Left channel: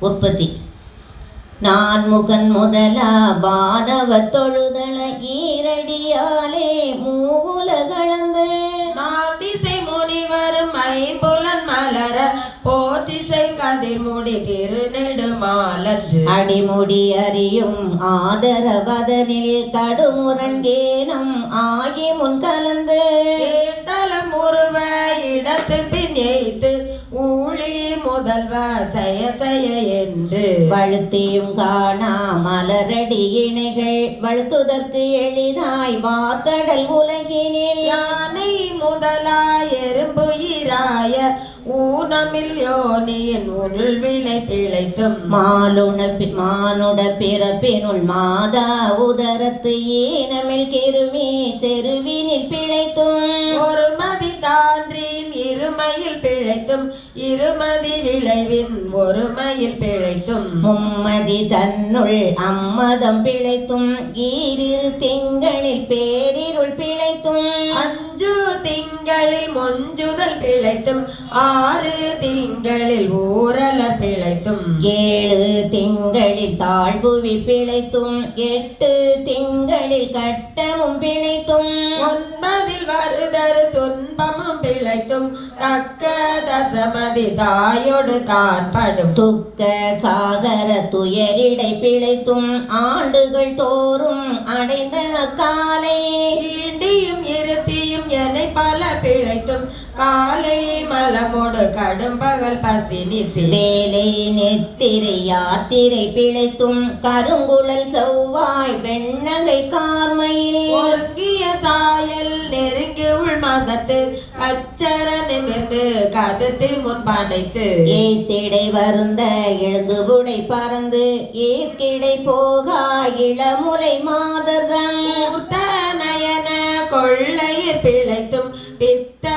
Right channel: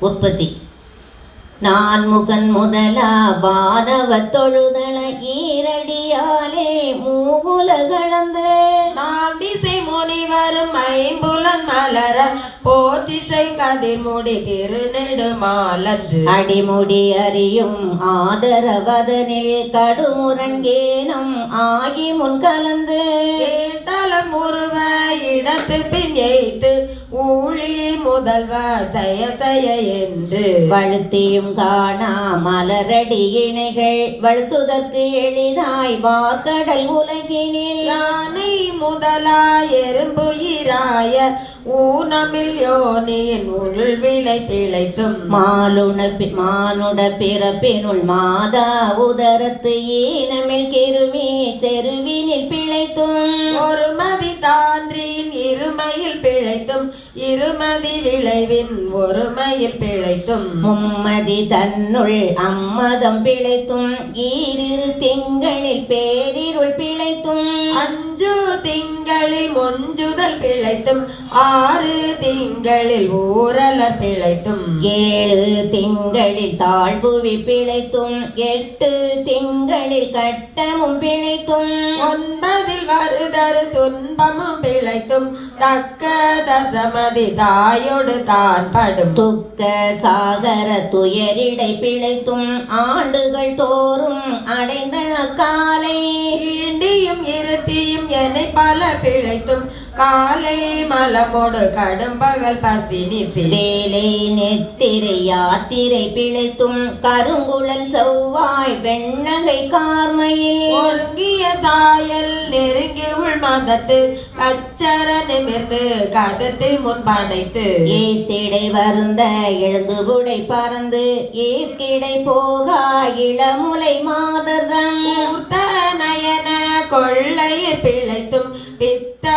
உற்பத்தி. நான் முகன் முதலா வானவ தொழுதல ஈரடியாலே மூவுலகளந்து நாள் திசை முனிவரும் ஐம்புலன் மலர போற்றிசை கதிர் முடி திருநெடுமாலத்து அடிமுடி அறியும் ஆதரவதனில் கடுமுரங்கேனம் ஆகி முன் கலந்து. ஏத்தலம் உருவ இடத்து பின் எய்த்து ஊழி முதல்வ செய செய என்று. வழுத்தியும் காணா மலரடி இணைகள் வழுத்துதற்கு எளிதாய் வார்கடல் உலகினில். யானை முதலாய் எறும்பு இராய ஊனமில் யோனியின் உள் விளை பிழைத்தும். மாலுண மானுட பிறப்பினுள் மாதா உதரத்து ஈனமில் கிருமி செருவினில் பிழைத்தும். ஒரு பிழைத்தும் இருமதி விளைவின் ஒருமையில் பிழைத்தும். மும்மதி தன்னுள் அம்மதம் பிழைத்தும் ஈரிரு திங்களில் பேரிருள் பிழைத்தும். அஞ்சு திங்களில் மொஞ்சுதல் பிழைத்தும் ஆறு திங்களில் ஊரல பிழைத்தும். ஏழு திங்களில் தாழ்வுவி பிழைத்தும் எட்டு திங்களில் கட்டமும் பிழைத்தும். ஒன்பதில் வருதரு துன்பமும் பிழைத்தும் தக்க தசமதி தாயோடு தான் படும் துக்க சாகர துயரிடை பிழைத்தும் ஆண்டுகள் தோறும் அடைந்த அக்காலை ஈண்டியும் இருத்தியும் என்னை பல பிழைத்தும் காலை மலமோடு கடும் பகல் பசினி வேலை நெத்திரை யாத்திரை பிழைத்தும் கருங்குழல் செவ்வாய் வெண்ணகை கார்மையில். ஒருங்கிய சாயல் நெருங்கி உள் மதத்து கச்சர நிமிர்ந்து கதத்து முன்பனைத்து ஏத்திடை வருந்த எழுந்து புடை பறந்து ஏற்கிடை போகா இளமுலை மூர்த்த நயன பிழைத்தும் பித்த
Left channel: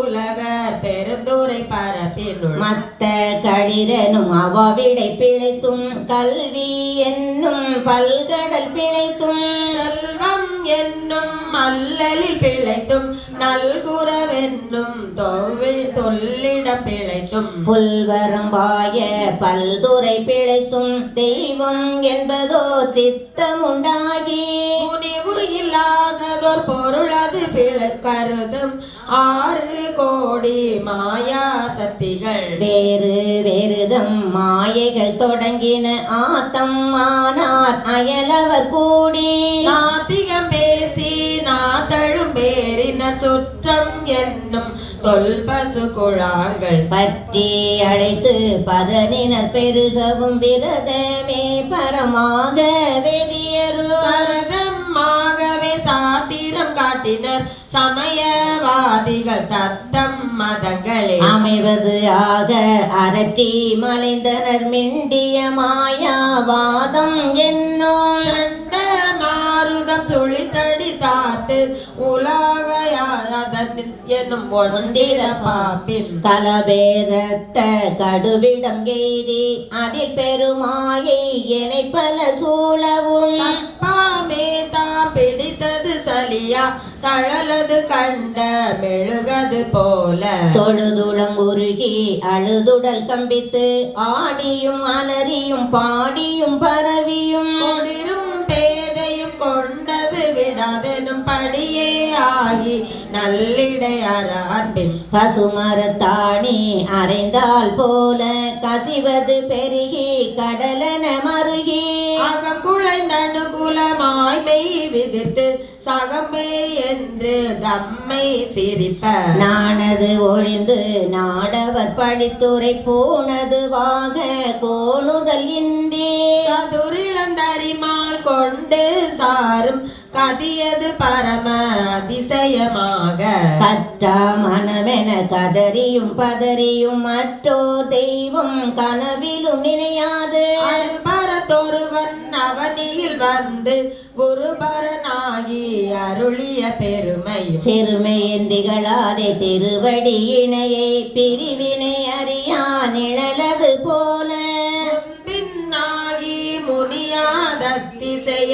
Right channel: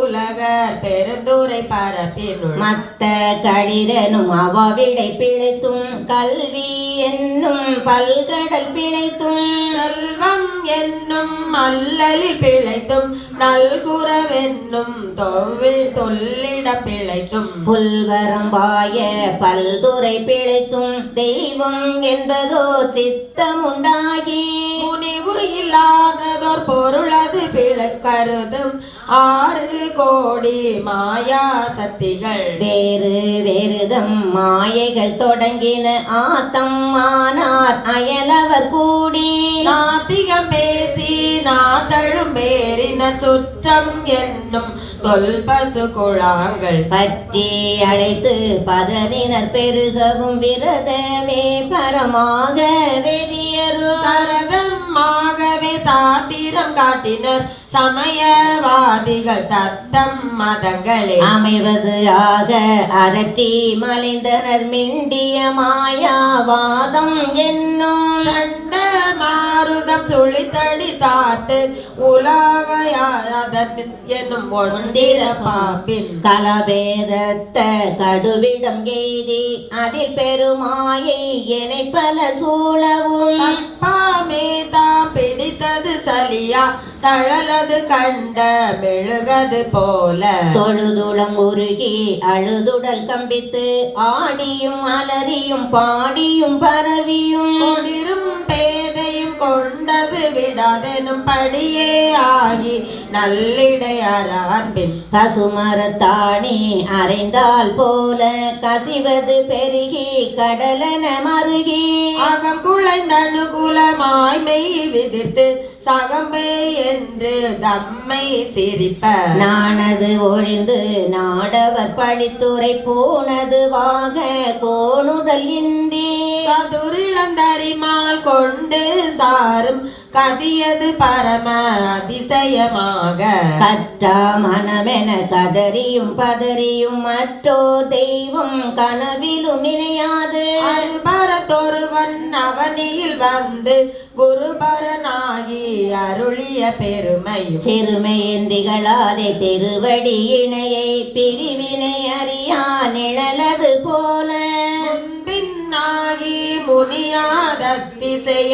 உலக பெருந்துரை பரப்பினுள். மத்த களிரனும் அவாவிடை பிழைத்தும் கல்வி என்னும் பல்கடல் பிழைத்தும். செல்வம் என்னும் அல்லலில் பிழைத்தும் நல்குறவென்னும் தொழில் தொல்லிட பிழைத்தும். புல்வரம்பாய பல்துறை பிழைத்தும் தெய்வம் என்பதோ சித்தமுண்டாகி. முனிவு இல்லாததோர் பொருளது பிழை கருதும் ஆறு கோடி மாயா சக்திகள். வேறு வேறுதம் மாயைகள் தொடங்கின ஆத்தம் ஆனார் அயலவர் கூடி. நாத்திகம் பேசி நாத்தழும் பேரின சுற்றம் என்னும் தொல்பசு குழாங்கள். பற்றி அழைத்து பதறினர் பெருகவும் விரதமே பரமாக வெதியரு காட்டினர் சமயவாதிகள் தத்தம் மதங்களே. அமைவது ஆக அரட்டி மலைந்தனர் மிண்டிய மாயாவாதம் என்னும் மாருதம் சுழித்தடி தாத்து உலகையாதன் என்னும் ஒன்றிர பாப்பின் கலபேதத்த கடுவிடம் எய்தி அதில் பெருமாயை எனை பல சூழவும். அப்பாமே தழலது கண்ட மெழுகது போல. தொழுதுளம் உருகி அழுதுடல் கம்பித்து ஆடியும் அலறியும் பாடியும் பரவியும். கொடிரும் பேதையும் கொண்டது விடாதெனும் படியே ஆகி நல்லிடையற அன்பின் பசுமரத்தாணி அரைந்தால் போல கசிவது பெருகி கடலன மருகி. அகம் குலைந்தனுகுலமாய் மெய் விதித்து சகமே என்று தம்மை சிரிப்ப. நாணது ஒழிந்து நாடவர் பழித்துரை போனது வாக கோணுதல் இன்றி. சதுரிளந்தரிமால் கொண்டு சாரும் கதியது பரம அதிசயமாக கற்றா மனமென கதறியும் பதறியும் மற்றோ தெய்வம் கனவிலும் நினையாது. அருபரத்தொருவன் அவனியில் வந்து குருபரனாகி அருளிய பெருமையும். சிறுமையந்திகளாதே திருவடி இணையை பிரிவினை அறியா நிழலது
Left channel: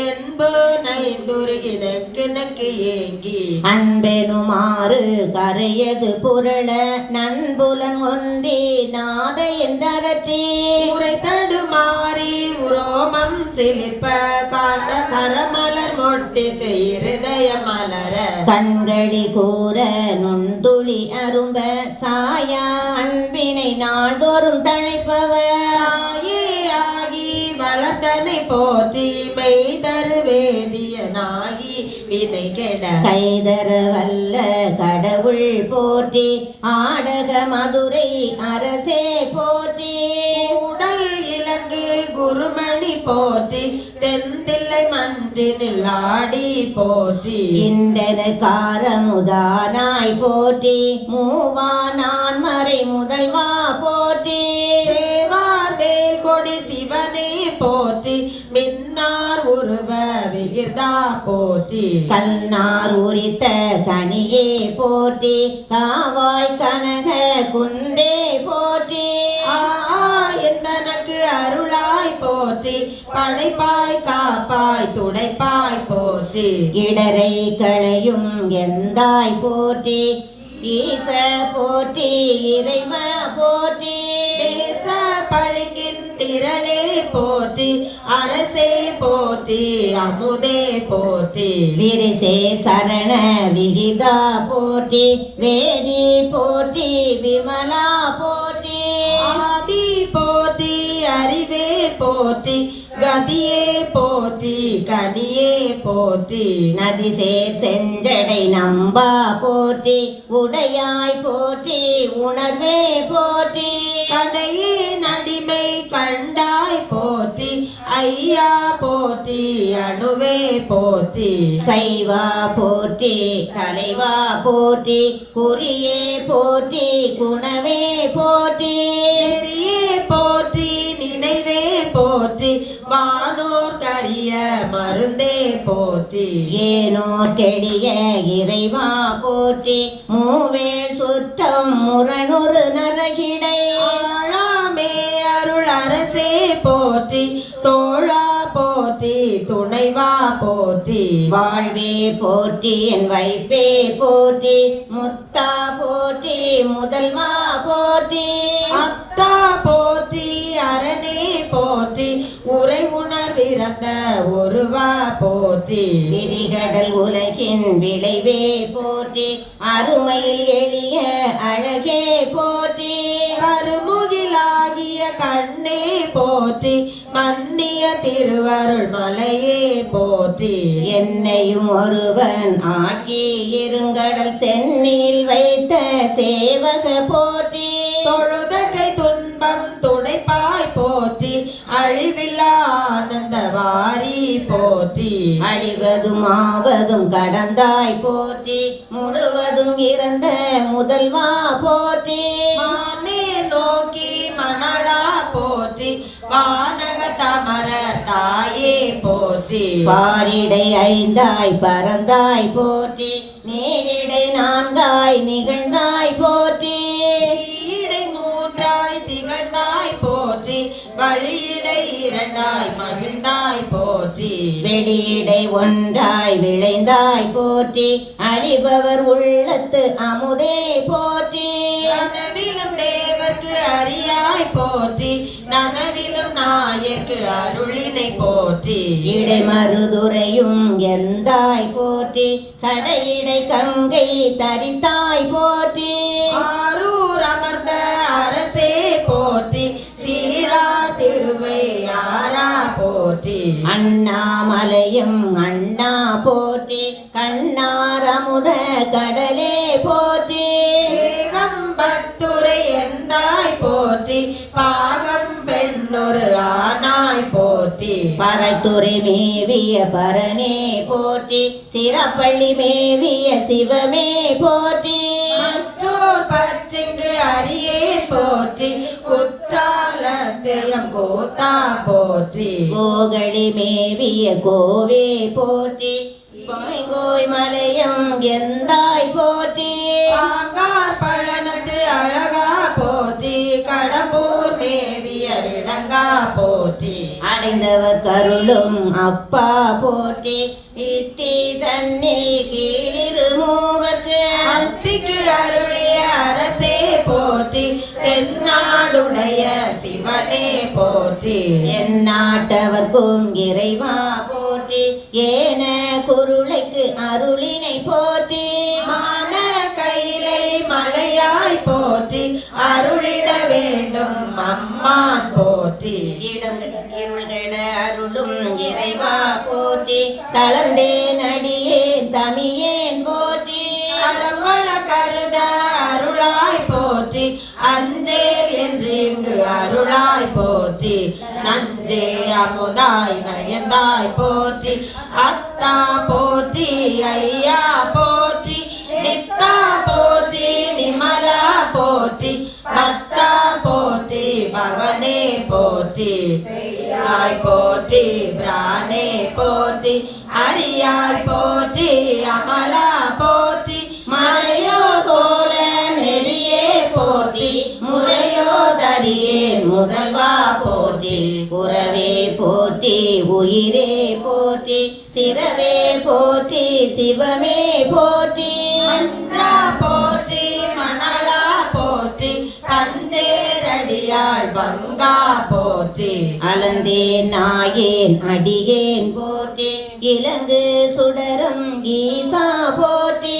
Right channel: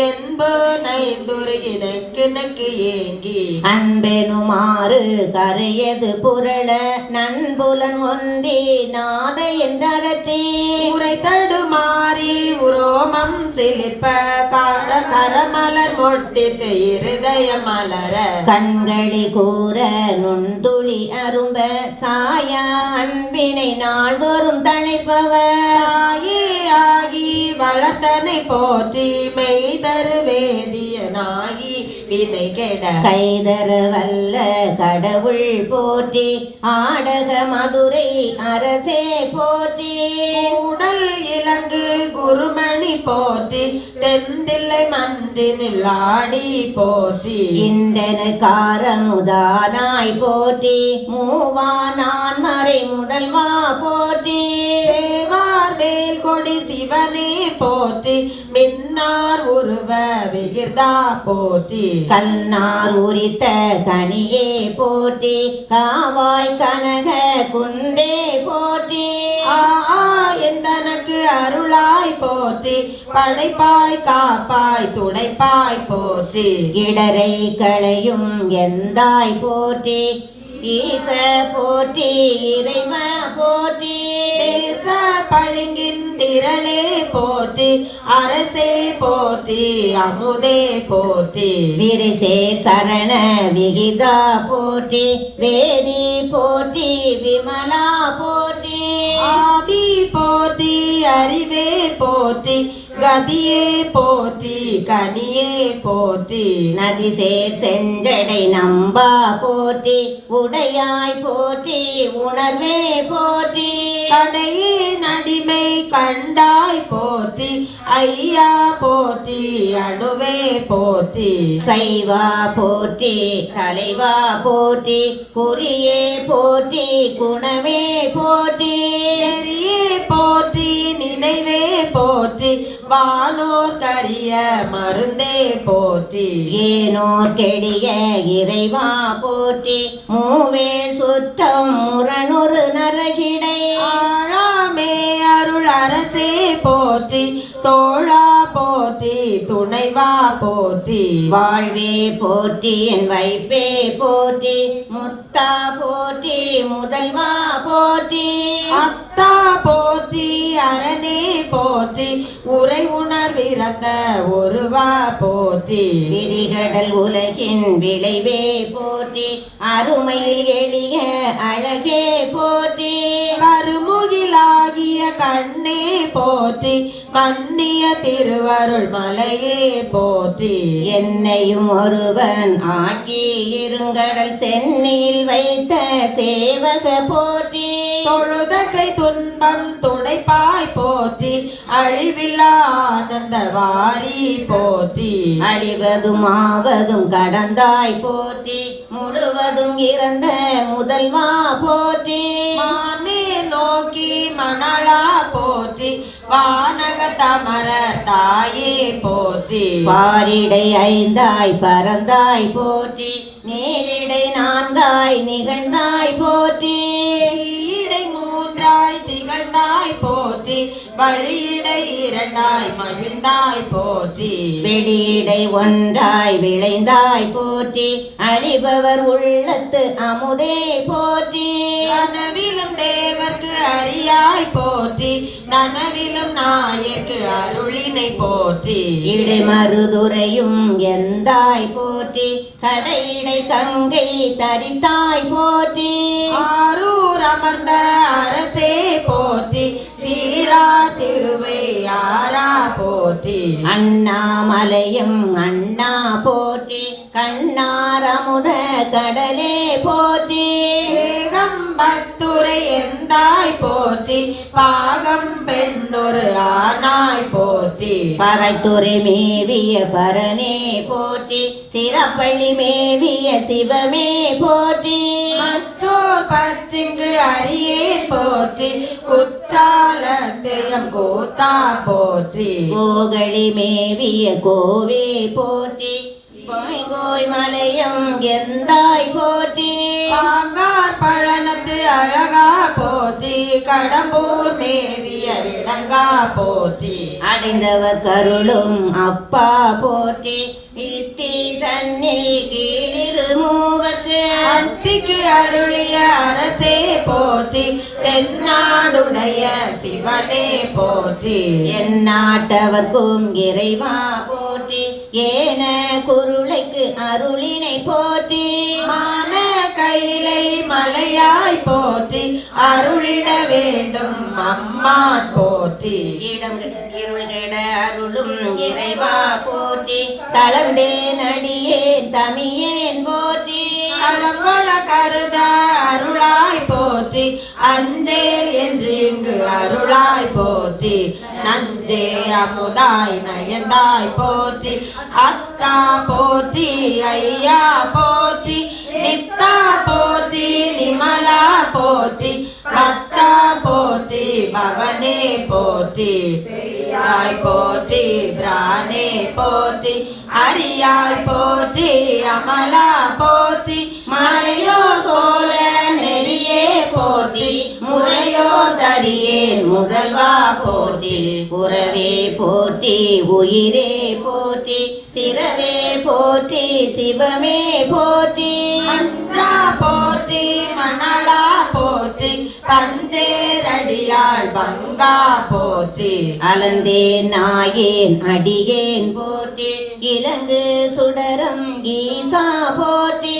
போல பின்னாகி முனியாதத்தி இசை என்பு நைந்துருகின கிணக்கு ஏங்கி. அன்பெனுமாறு கரையது புரள நண்புலன் ஒன்றி நாத என்றரற்றி உரை தடுமாறி உரோமம் சிலிர்ப்ப கார கரமலர் மொட்டித்து இருதய மலர. கண்களி கூற நுண்துளி அரும்ப சாயா. அன்பினை நாள்தோறும் தழைப்பவர் வினை கெட கைதர வல்ல கடவுள் போற்றி ஆடக மதுரை அரசே போற்றி. உடல் இலங்கு குருமணி போற்றி தெந்தில்லை மன்றினில் ஆடி போற்றி. இன்றன காரமுதானாய் போற்றி மூவா நான் மறை முதல்வா சிவனே போற்றி மின்னார் உருவ விகிர்தா போற்றி. கல்நார் உரித்த கனியே போற்றி காவாய் கனக குன்றே போற்றி. எந்தனக்கு அருளாய் போற்றி படைப்பாய் காப்பாய் துடைப்பாய் போற்றி. இடரை களையும் எந்தாய் போற்றி ஈச போற்றி இறைவ போற்றி. தேச பளிங்கின் திரளே போற்றி அரசே போற்றி அமுதே போற்றி. விரிசே சரண விகிதா போற்றி வேதி போற்றி விமலா போற்றி. ஆதி போற்றி அறிவே போற்றி கதியே போற்றி கனியே போற்றி. நதிசே செஞ்சடை நம்பா போற்றி உடையாய் போற்றி உணர்வே போற்றி. கடையே நடிமை கண்டாய் போற்றி. ஐயா போற்றி அணுவே போற்றி. சைவா போற்றி தலைவா போற்றி. குறியே போற்றி குணவே போற்றி. போற்றி நினைவே போற்றி. வானோர் கரிய மருந்தே போற்றி. ஏனோர் கெளிய இறைவா போற்றி. மூவேல் சுற்றம் முரணுறு நரகிடை. ஆழாமே அருள் அரசே போற்றி. தோழா போற்றி துணைவா போற்றி. வாழ்வே போற்றி என் வைப்பே போற்றி. முத்தா போற்றி முதல்வா போற்றி. உணர்விறந்த ஒருவா போற்றி. விரிகடல் உலகின் விளைவே போற்றி. அருமையில் எளிய அழகே போற்றி. கருமுகிலாகிய கண்ணே போற்றி. மன்னிய திருவருள் மலையே போற்றி. என்னையும் ஒருவன் ஆக்கி இருங்கடல் சென்னியில் வைத்த சேவக போற்றி. தொழுதகை வாரி போற்றி. அழிவதும் ஆவதும் கடந்தாய் போற்றி. முழுவதும் இறந்த முதல்வா போற்றி. மானே நோக்கி மணலா போற்றி. வானக தமர தாயே போற்றி. பாரிடை ஐந்தாய் பறந்தாய் போற்றி. நேரிடை நான்காய் நிகழ்ந்தாய் வெளியிடை ஒன்றாய் விளைந்தாய் போற்றி. அழிபவர் உள்ளத்து அமுதே போற்றி. கனவிலும் தேவர்க்கு அறியாய் போற்றி. நனவிலும் நாயர்க்கு அருளினை போற்றி. இடைமருதுரையும் எந்தாய் போற்றி. சடையிடை கங்கை தரித்தாய் போற்றி. பாகம் பெண்ணொரு ஆனாய் போற்றி. பறைத்துறை மேவிய பரனே போற்றி. சிறப்பள்ளி மேவிய சிவமே போற்றி. மற்றோர் பற்றிங்கு அரியே போற்றி. குற்றாலத்தையும் கூத்தா போற்றி. கோகளி மேவிய கோவே போற்றி. கோய் கோய் மலையும் எந்தாய் அறிந்தவர் கருளும் அப்பா போற்றி இத்தி தன்னில் கீழிரு மூவர்க்கு. அத்திக்கு அருளிய அரசே போற்றி தென்னாடுடைய சிவனே போற்றி. என் நாட்டவர்க்கும் இறைவா போற்றி ஏன குருளைக்கு அருளினை போற்றி. அருளிட வேண்டும். அம்மான் போற்றி. இடம் இருள்கட அருளும் இறைவா போற்றி. தளர்ந்தேன் அடியேன் தமியேன் போற்றி. களங்கொள கருத அருளாய் போற்றி. அஞ்சே என்று இங்கு அருளாய் போற்றி. நஞ்சே அமுதாய் நயந்தாய் போற்றி. அத்தா போற்றி ஐயா போற்றி போற்றி பவனே போற்றி பெரியாய் போற்றி பிரானே போற்றி அரியாய் போற்றி அமலா போற்றி மலையோ கோல நெறியே போற்றி முறையோ தரியே முதல்வா போற்றி உறவே போற்றி உயிரே போற்றி சிறவே போற்றி சிவமே போற்றி அலந்தேன் நாயேன் அடியேன் போற்றி. இலங்கு சுடரம் ஈசா போற்றி.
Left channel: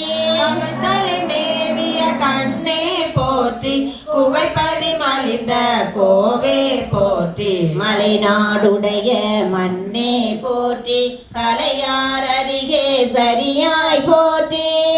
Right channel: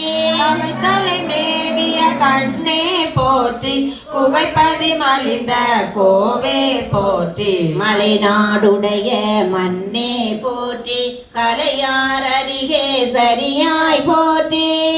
தலை மேவிய கண்ணே போற்றி. குவைப்பதி மலிந்த கோவே போற்றி. மலைநாடுடைய மண்ணே போற்றி. கலையார் அருகே சரியாய் போற்றி.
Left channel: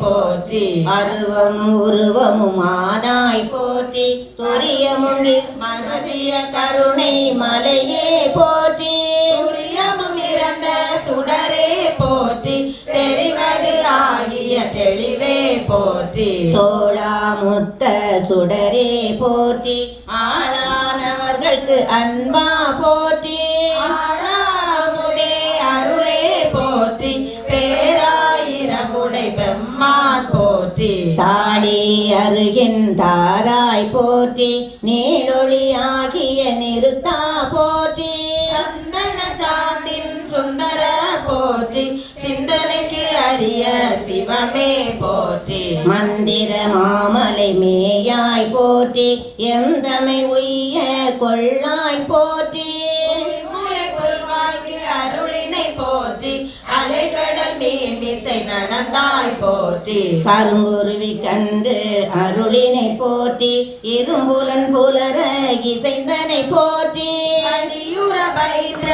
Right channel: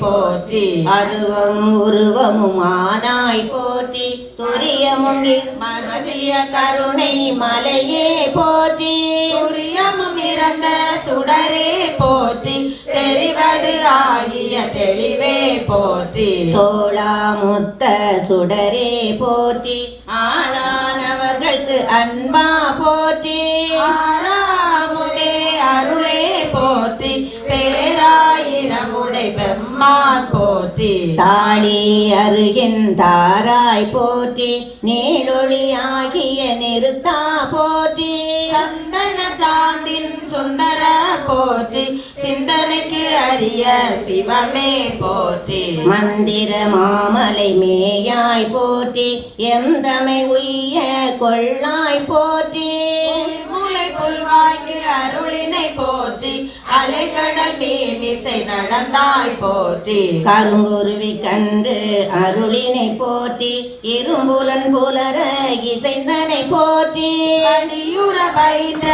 போற்றி. அருவம் உருவமும் ஆனாய் போற்றி. துரியமும் மருவிய கருணை மலையே போற்றி. துரியமும் இறந்த சுடரே போற்றி. தெரிவது ஆகிய தெளிவே போற்றி. தோளாமுத்த சுடரே போற்றி. ஆளானவர்களுக்கு அன்பா போற்றி. தாளி அருகின் தாராய் போற்றி நீரொளி ஆகிய நிறுத்தா போற்றி. சந்தன சாந்தின் சுந்தர போற்றி சிந்தனைக்கு அரிய சிவமே போற்றி. மந்திர மாமலை மேயாய் போற்றி எந்தமை உய்ய கொள்ளாய் போற்றி. மூளை புல்வாய்க்கு அருளினை போற்றி அலைகடல் மீமிசை நடந்தாய் போற்றி கருங்குருவி கண்டு அருளினை போற்றி இரும்புலன் புலர இசைந்தனை போற்றி. அடியுற வைத்த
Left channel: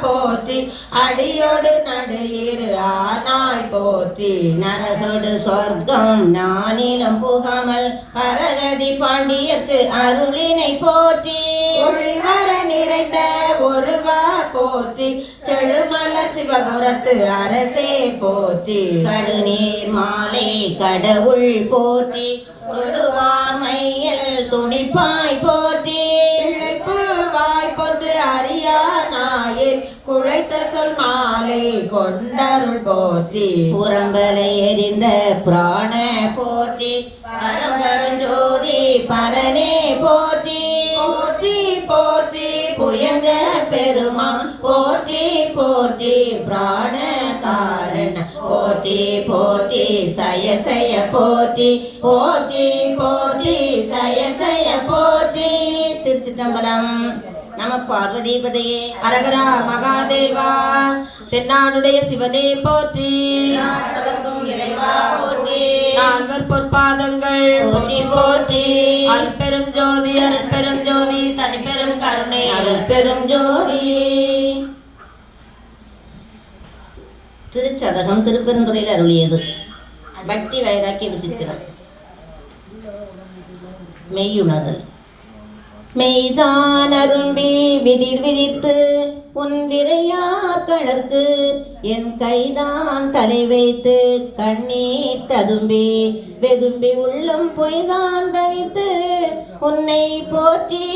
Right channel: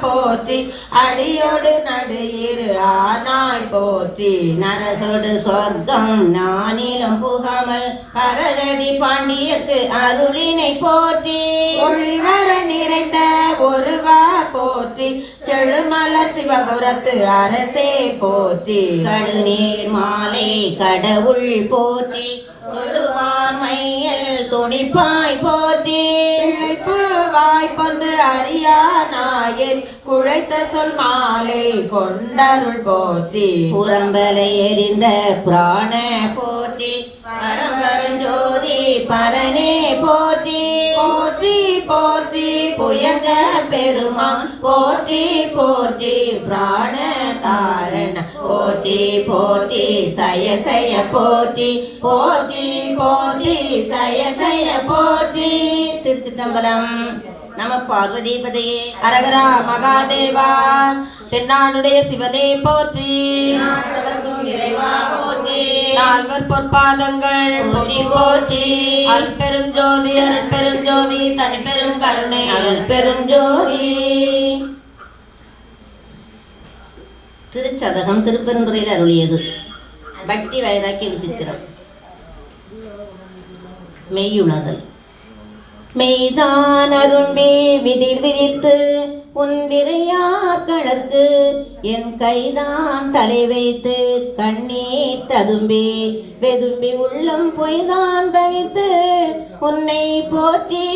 போற்றி அடியோடு நடுயிரு ஆனாய் போற்றி நரதொடு சொர்க்கம் நானிலம் புகாமல் பரகதி பாண்டியர்க்கு அருளினை போற்றி. ஒளிவர நிறைந்த ஒருவா போற்றி செழுமல சிவபுரத்து அரசே போற்றி கடுநீர் மாலை கடவுள் போற்றி மையல் துணிப்பாய் போற்றி. குழைத்த சொல் மாலை கொண்டருள் போற்றி. புறம்பலை எரிந்த பிராண போற்றி. பரம்பரஞ்சோதி பரனே போற்றி. போற்றி போற்றி புயங்க பெருமான். போற்றி போற்றி பிராண காரண போற்றி போற்றி சய சய போற்றி. போற்றி போற்றி சய சய போற்றி. திருச்சிட்டம்பலம் நம பார்வதிபதையே அரகரா மகாதேவா தென்னாடுடைய சிவனே போற்றி. நால்வர் பொற்பாதங்கள் போற்றி போற்றி. அருட்பெரும் ஜோதி அருட்பெரும் ஜோதி தனிப்பெரும் கருணை. அருள் பெருஞ்சோதி திருச்சதகம் திருப்பெருந்துறையில் அருளியது. பக்தி வைராக்கிய விசித்திரம் மெய்யுணர்தல். மெய்தான் அருண்பி விதிர் விதித்து உன் விரையாக்களர்க்கு என் கைதான் தலை வைத்து கண்ணீர் ததும்பி வெதும்பி உள்ளம் பொய்தான் தவித்து உன்னை போற்றி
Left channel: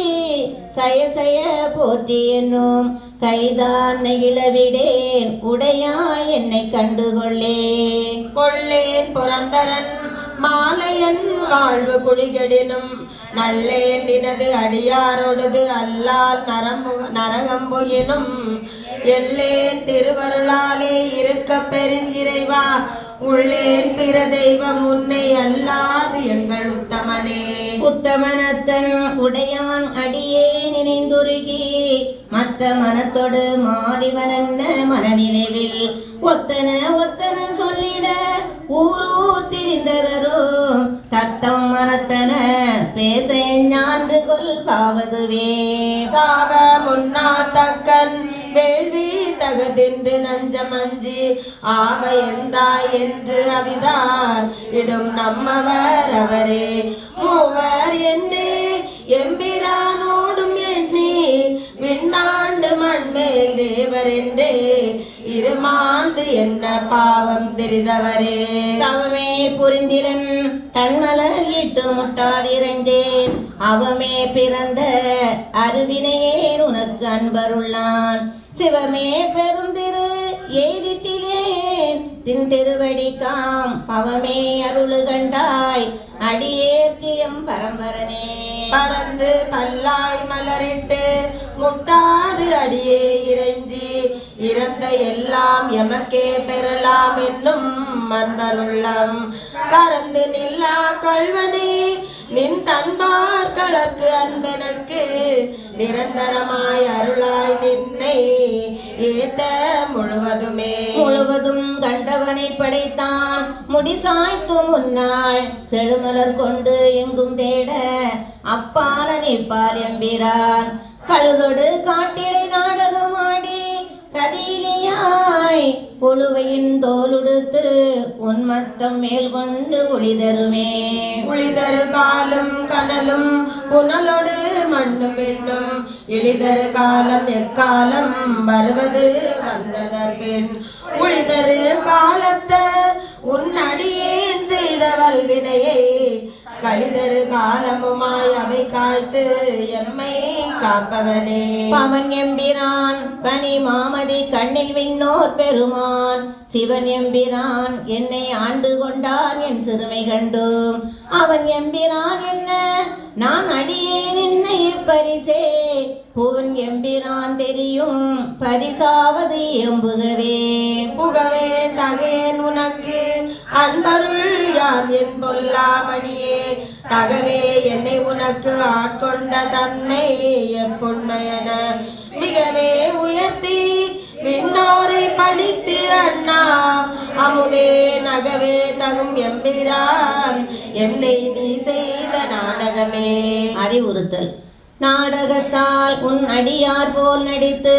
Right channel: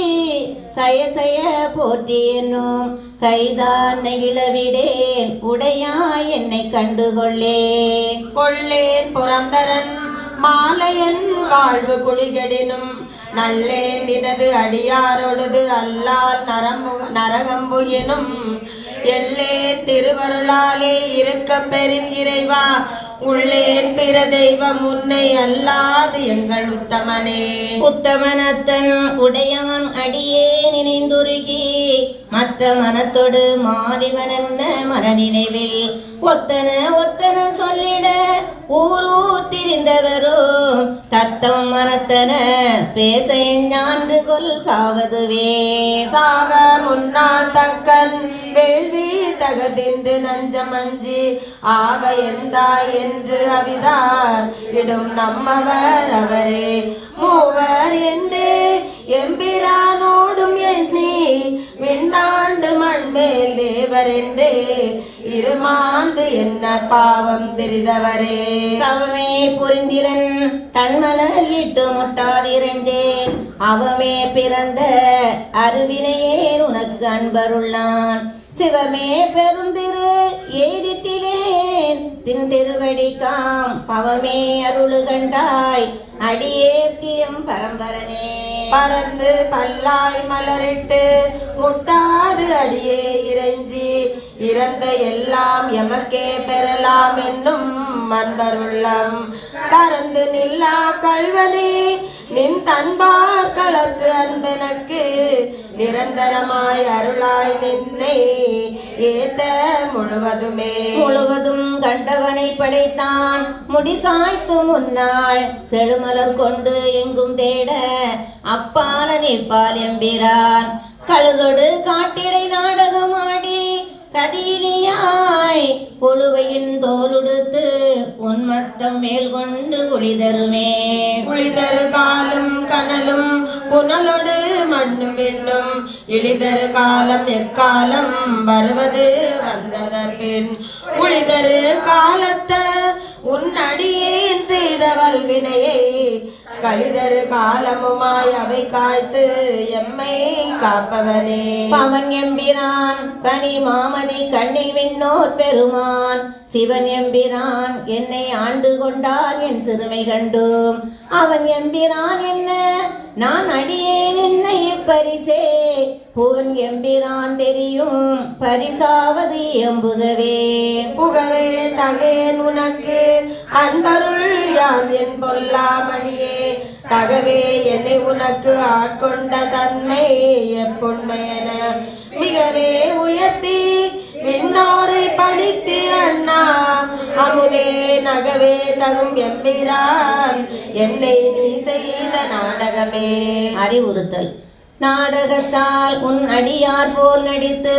சய சய போற்றி என்னும் கைதான் நெகிழவிடேன் உடையா என்னை கண்டுகொள்ளேன். கொள்ளேன் புரந்தரன் மாலையன் வாழ்வு குடிகடினும் நல்ல எண்ணினது அடியாரோடது அல்லால் நரம்பு நரகம்பு எனும் எல்லே திருவருளாலே இருக்க பெரும் இறைவா உள்ளே பிற தெய்வம் உன்னை அல்லாது எங்கள் உத்தமனே. உத்தமனத்தன் உடையவன் அடியே நினைந்துருகி மத்த மனத்தொடு மாதிவன் என்ன மனநினைவில்? ஒத்தன ஒத்தன சொல்லிட ஊரூர் திரிந்தவரோ நஞ்சமஞ்சி ஆக எந்தாய் என்று அவிதான். இடும் நம்மவர் அவரே. மூவர் என்னே. எம்பிரானோடும் எண்ணி விண்ணாண்டு மண்மேல் தேவர் என்றே. இருமாந்து என்ன பாவம் தெரிந்தவரே தவமே புரிந்திலன் தன்மலர் இட்டு முட்டாதிருந்தேன் அவமே பிறந்த அருவினையே உனக்கு அன்பருள்ளான் சிவமே பெருந்திரு திருவடிக்காம் பவமே அருளுகண்டாய் அடியேற்கியம் பரம்பரனே. பறந்து பல்லாய் மலரிட்டு முட்டாது அடியே இறைஞ்சி இறந்த எல்லாம் எமக்கே பெறலாம் என்னும் மன்னருள்ளம் கறந்து நில்லா கல்வனே நின் தன்பார் கலர்க்கு நிரந்தரமாய் அருளாய் நின்னை ஏத்த முழுவதுமே. முழுவதும் கண்டவனை படைத்தான். முடிசாய்த்து முன்னாள் செழுமலர் கொண்டு எங்கும் தேட அப்பால நிற்பால் எம்பிரான் கழுதொடு காட்டிடை நாடகமாடி கதியிலியாய் புழுவையின் தோலுடுத்து உன்மத்தம் மேல் கொண்டு ஒளிதருமே. இழிதரு காலம் எக்காலம் வருவது வந்ததற்கேன் புளிதரு காலத்த உன் அடியேன் செய்தவள் வல்வினையே. கழிதரு காலமுமாய் அவை காய்த்து எம்மை காப்பவனே. பவன் எம்பிரான் பனி மாமதி கண்ணில் விண்ணோர் பெருமான். சிவன் எம்பிரான் என்னை ஆண்டு கொண்டான் என் சிறுமை கண்டும். அவன் எம்பிரான் என்ன? நான் அடியேன் என்னை பரிசே பூன் எம்பிரான் தெரியும் பரிசாவது எம்புகவே புகவே தகேன் உனக்கு அன்பருள் யான் என் பொல்லாமணியே. தகவே என்னை உனக்கு ஆட்கொண்ட தன்மை எப்பொன்மையன மிகவே உயர்த்தி விண்ணோரை படித்து அண்ணா. அமுதே நகவே தகும் எம்பிரான் என்னை நீ செய்த நாடகமே. அறிவுறுத்தல். நாடகத்தால் உன் அடியார் போல் நடித்து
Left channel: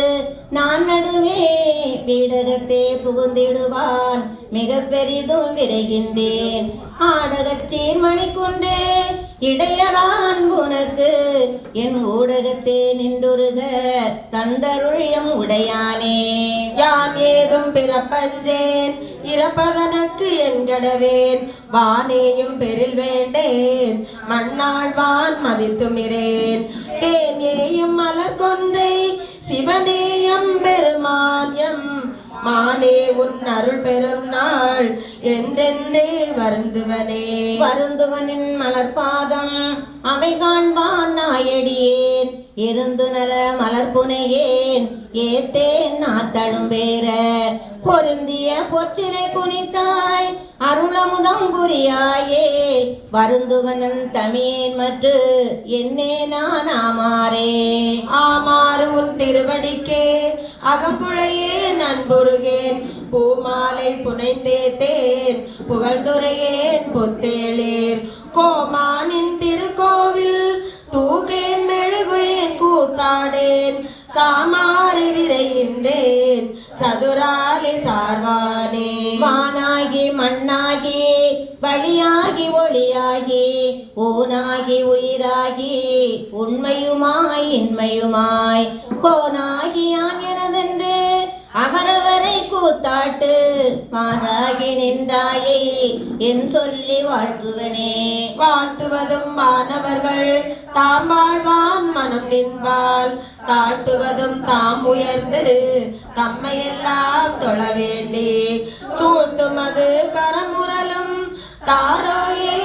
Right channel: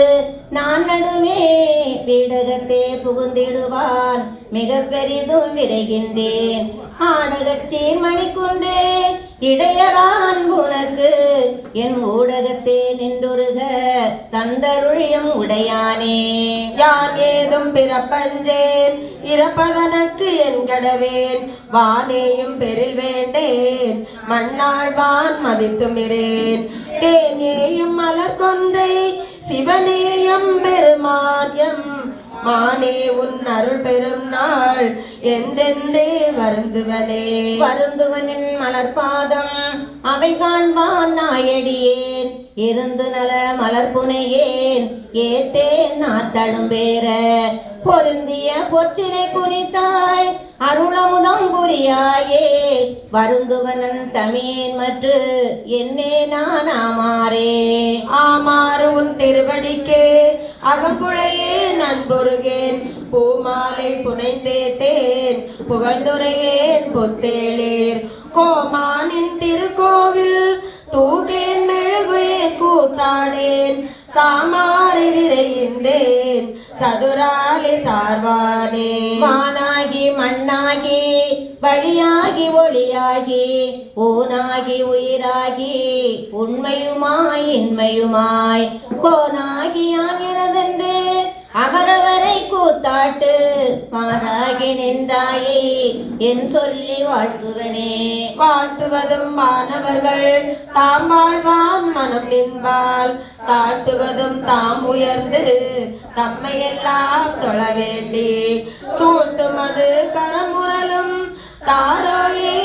நான் நடுவே பீடகத்தே புகுந்திடுவான். மிக பெரிதும் விரைகின்றேன். ஆடகத்தீர் மணிக்குண்டே இடையரான் உனக்கு. என் ஊடகத்தே நின்றுருக தந்தருழியம் உடையானே. யான் ஏதும் பிறப்பஞ்சேன் இறப்பதனக்கு என் கடவேன். வானேயும் பெரில் வேண்டேன் மண்ணாழ்வான் மதித்துமிரேன் தேனேயும் மலர் கொண்டை சிவனேயம் பெருமாயம் மானே உன் அருள் பெரும் நாள் என்றென்றே வருந்துவனே. வருந்துவனின் மலர்பாதம் அவை காண்பான் நாயடியேன் இருந்து நல மலர்புனையேன் ஏத்தேன் நாத்தழும் பேர. பொருந்திய பொற்றினை குனித்தாய் அருளமுதம் புரியாயே. வருந்துவனன் தமியேன் மற்று என்னே நான் ஆமாறே. ஆமாறு உன் திருவடிக்கே. அகங்குழையே நண்புருகேன் பூமாலை புனைந்தேத்தேன் புகழ்ந்துரையேன் பொத்தேளேர். கோமானின் திருக்கோவில் தூகேன் மெழுகுவேன் கூத்தாடேன் சாமாரி விரைந்தேன் சதுராலி சார்வானே. மானாகி மண்ணாகி வழியாகி ஒளியாகி ஊனாகி உயிராகி உண்மையுமாய் இன்மையுமாய் கோனாகி ஆகிறதென்று அவரவரை கூத்தாட்டு மாறாகி நின்றாயே என் சொல்லி வாழ்த்துவனே. வாழ்த்துவதும் மாணவர்கள் தாம் வாழ்வான் மனம் நின்பால். தாழ்த்துவதும் தாம் உயர்ந்து தம்மையெல்லாம் தொழ வேண்டி. தூண்டுமது கரமுரலும் தாரோயே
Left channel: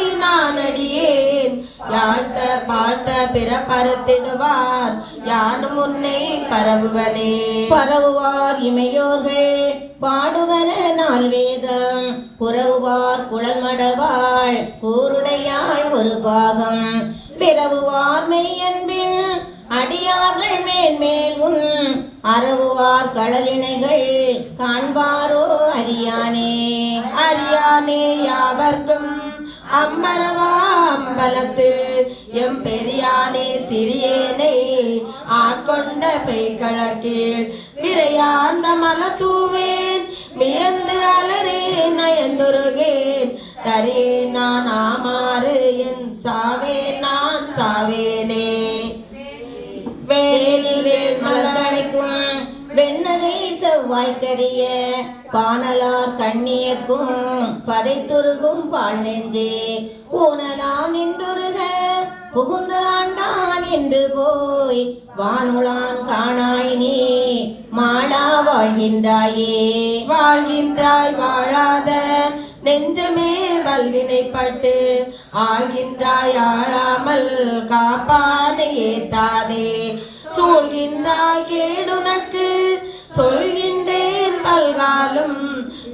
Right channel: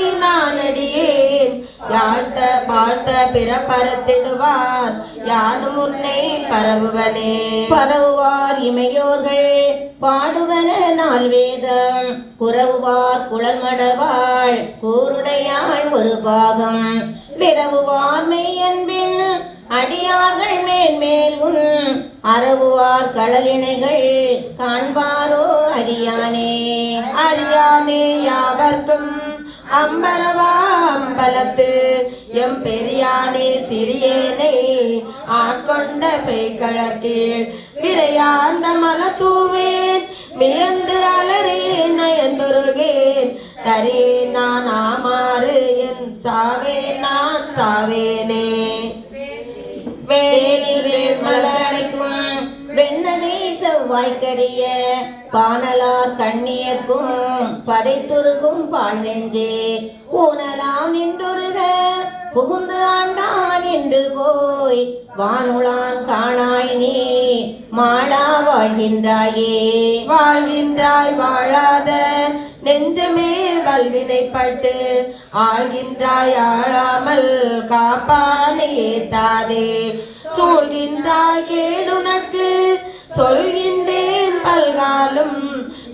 யாழ்த்த வாழ்த்த பரத்திடுவார் யான் முன்னே பரவுவனே. பரவுவார் இமையோர்கள். பாடுவன நாள் வேதம் குறவுவார் குழல் மடவாள் கூருடையாள் ஒரு பாகம். விரவுவார் மெய்யன்பின். அடியார்கள் மேல் மேல் உன் அறவுவார் கடலினைகள். ஆட்கொண்ட பெய்கழக்கீழ் விரையார்ந்த மலத்தூவேன் வியந்து அலறேன். நயந்துருகேன். தரே நெஞ்சமே வல்வினைப்பட்டு ஆழ்கின்றாய் ஆழாமல் காப்பானை ஏத்தாதே. சூழ்கின்றாய் கேடுனக்கு சொல்கின்றேன் பல்காலும்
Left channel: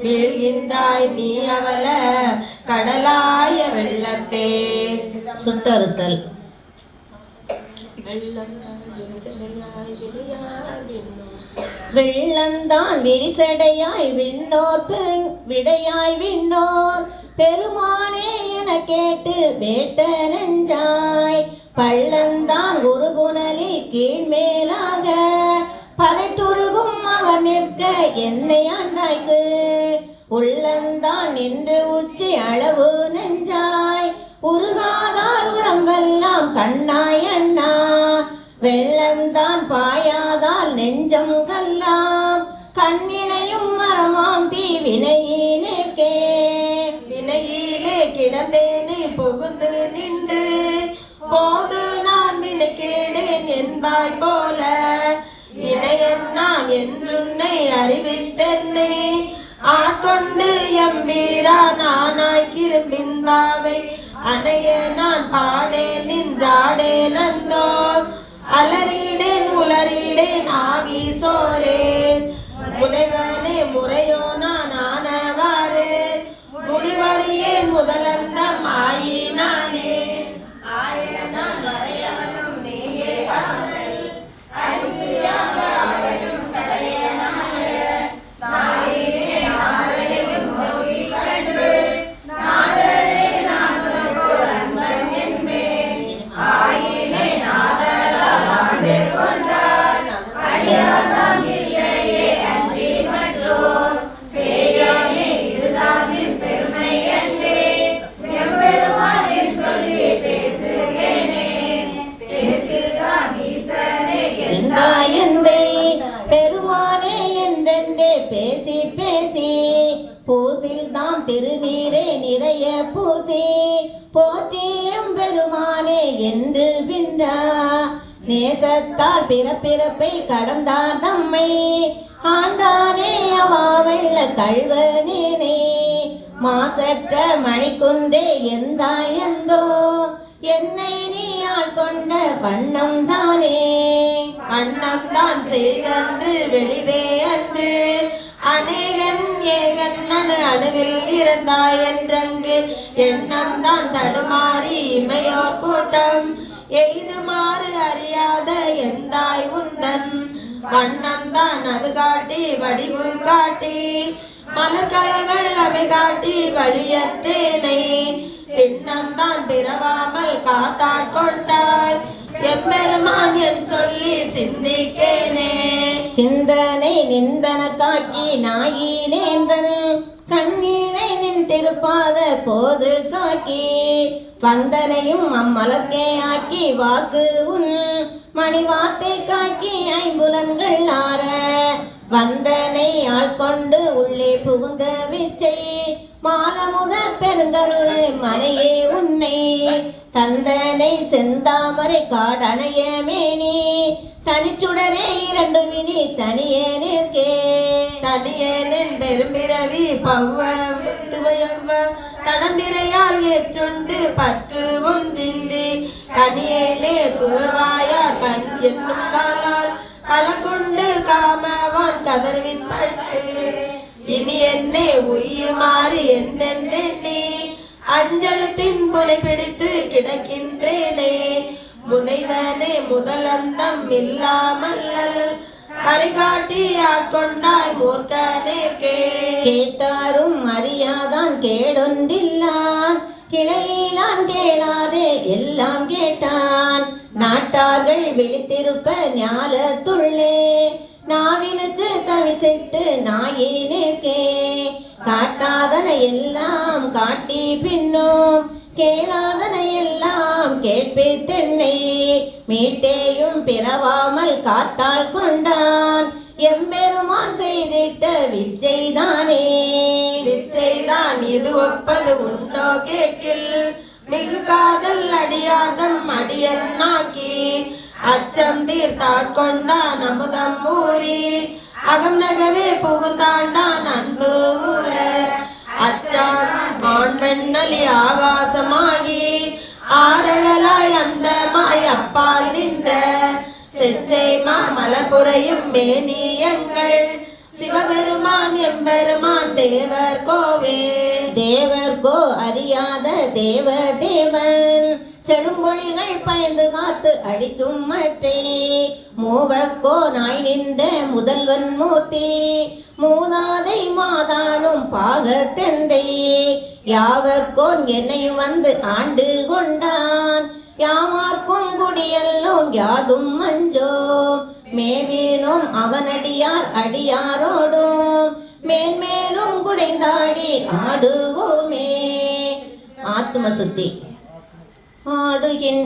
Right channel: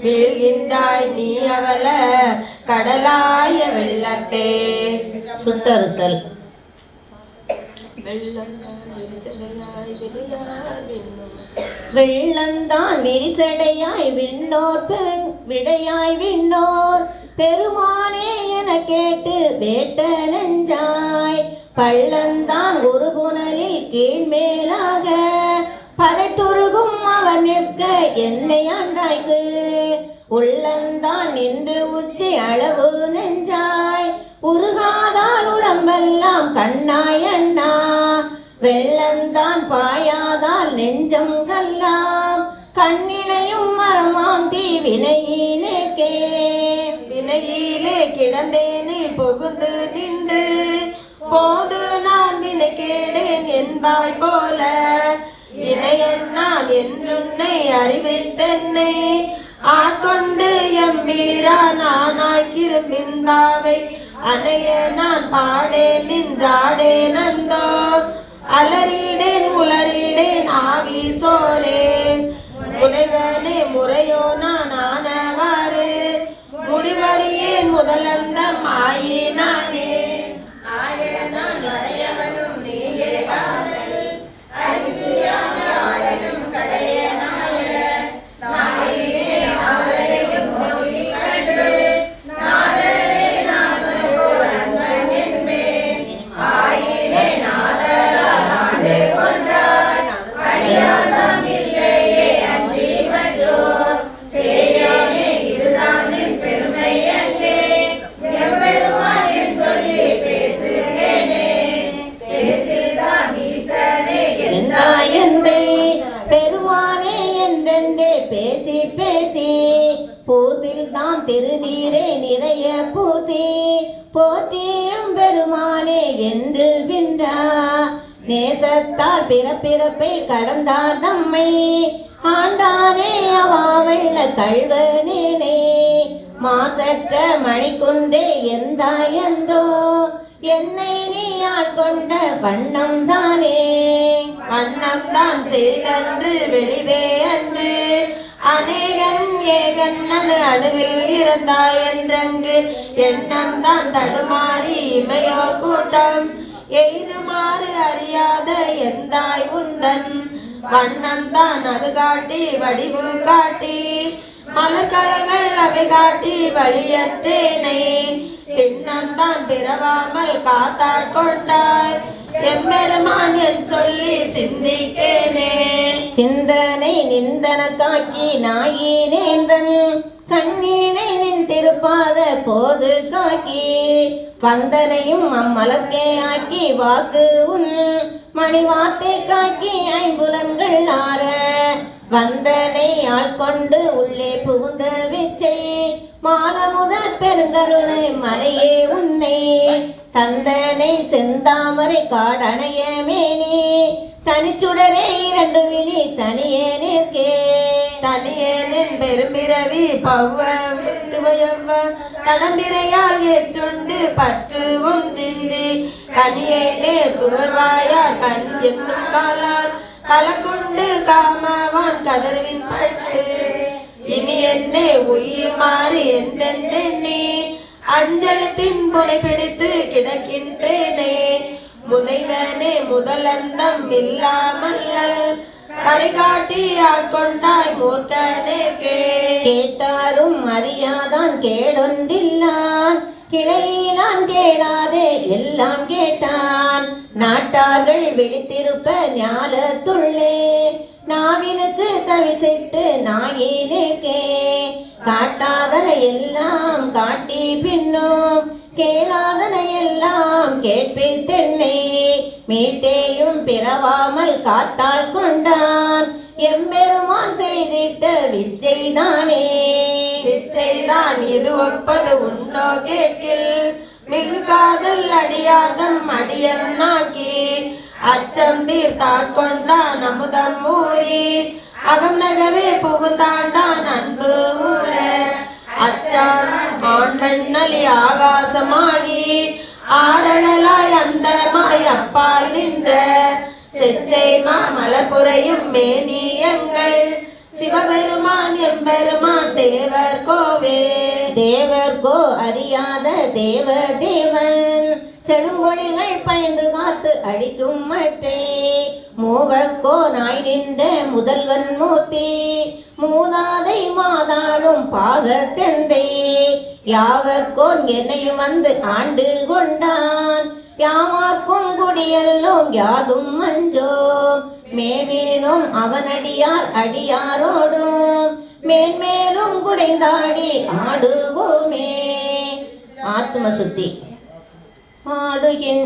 வீழ்கின்றாய் நீ அவல கடலாய வெள்ளத்தே. சுட்டறுத்தல். வெள்ளம் விளையார் விண்ணும் வெள்ளந்தான் விரிசடையாய் விண்ணோர் பெண் விடையாய் விண்ணோர். பெருமானே என கேட்டு வேட்ட நெஞ்சாய். பள்ளந்தான் ஒரு புனலில் பதை துருகும் அவன் நிற்க என்னை ஆண்டாய்க்கு. உள்ளந்தான் நின்று உச்சி அளவு நெஞ்சாய். உருகாதார் உடம்பெல்லாம் கண்ணாய் அண்ணா. வெள்ளந்தான் பாயாதால் நெஞ்சம் மாசற்ற மணிக்குன்றே எந்தாயந்தோ? என்னை நீயால் கொண்ட வண்ணம் தானே வண்ணம் தான் செய்தன்று வெளிதே அன்று. அநேகன் ஏகன் அணுவில் இருந்தாய் என்றங்கு எண்ணம் தான் தடுமாறி இமையோர் கூட்டம். எய்துமாறு அறியாத எந்தாய் உந்தன்? வண்ணம் தான் அது காட்டி வடிவு காட்டி மலர்கழகள் அவை காட்டி வழியத்தேனை திண்ணந்தான் பிறவாமல் காத்தாள் கொண்டார். எம்பெருமான் என் சொல்லி சிந்திக்கேனே. சிந்தனை நிந்தன காக்கி நாயினேந்தன் கண்ணீனை நின் திருப்பாத போது காக்கி. வந்தனையும் அம்மலத்தே ஆக்கி வாக்கு உன் மணிவார்த்தை காக்கி ஐம்புலன்கள் ஆற. வந்தனை ஆட்கொண்டு உள்ளே புகுந்த விச்சை மாலமுத பெருங்கருளை மறையே உன்னை. தந்தனை செந்தாமரை காடணைய மேனி தனிச்சுடரே இரண்டு மினி தனியே நிற்கே. தனியனின் பெரும்பிறவி பவ்வ விட்டுவயவ தடந்திரையால் ஏற்றுண்டு பற்று ஒன்றின்றி. கனியேலே புகழ்வாயா கஞ்சி என்னும் காலால் கலங்குண்டு காமவான் கதர்வின் பட்டு. இனி என்னே உய்யுமாறு என்றென்றெண்ணி அஞ்சலத்தின் புனை பிடித்து கிடக்கின்றேனே. முனைவனே முதலந்தம் இல்லாமல் கரிகாட்டி ஆட்கொண்டாய் மூர்க்கனேற்கே கேட்டாரும் அறியாதான் கேடொன்றில்லான் கிளையிலான் கேளாதே எல்லாம் கேட்டான் நாட்டார்கள் விழித்திருப்ப ஞாலத்துள்ளே நாவினுக்கு தவிசிட்டு நாயினேக்கே காட்டாத எல்லாம் காட்டி பின்னும் கேளாதன எல்லாம் கேட்பித்தென்னை மீட்டேயும் பிறவாமல் காத்தாள் கொண்டான் எம்பெருமான் செய்திட்ட விச்சைதானே. விச்சைதான் இது ஒப்பது உண்டோ கேட்கில் மிகு காதல் அடியாதம் அடியன் நாக்கி அச்சம் தீர்த்தாட்கொண்டான் அமுதம் ஊறி அகம் நகவே புகுத்தாண்டான் அன்பு ஊர அச்சான் மாண்பெண்ணலி ஆகாசமாகி ஆரணலாய் அந்தமாய் அப்பால் நின்ற செச்சை மாமலபுரையும் மேனியங்கள் சிவபெருமான் எம்பெருமான் தேவர் கோவே. தேவர்கோ அறியாத தேவ தேவன் செழும்பொழிகள் பயந்து காத்து அழிக்கும் மத்தே மூவர்க்கோ நாய் நின்ற முதல்வன் மூர்த்தி. மூதாதை மாதாளும் பாகத்தெந்தை. யாவர்க்கோ என்னையும் வந்து ஆண்டு கொண்டான். யாவார்க்கும் குடியல்லோம் யாதும் மஞ்சோ மேவீனும் அவனடியார் அடியாரோடும். மேன்மேலும் குடைந்தாடி ஆடுவோமே. ஆத்ம சுத்தி ஆடுகின்.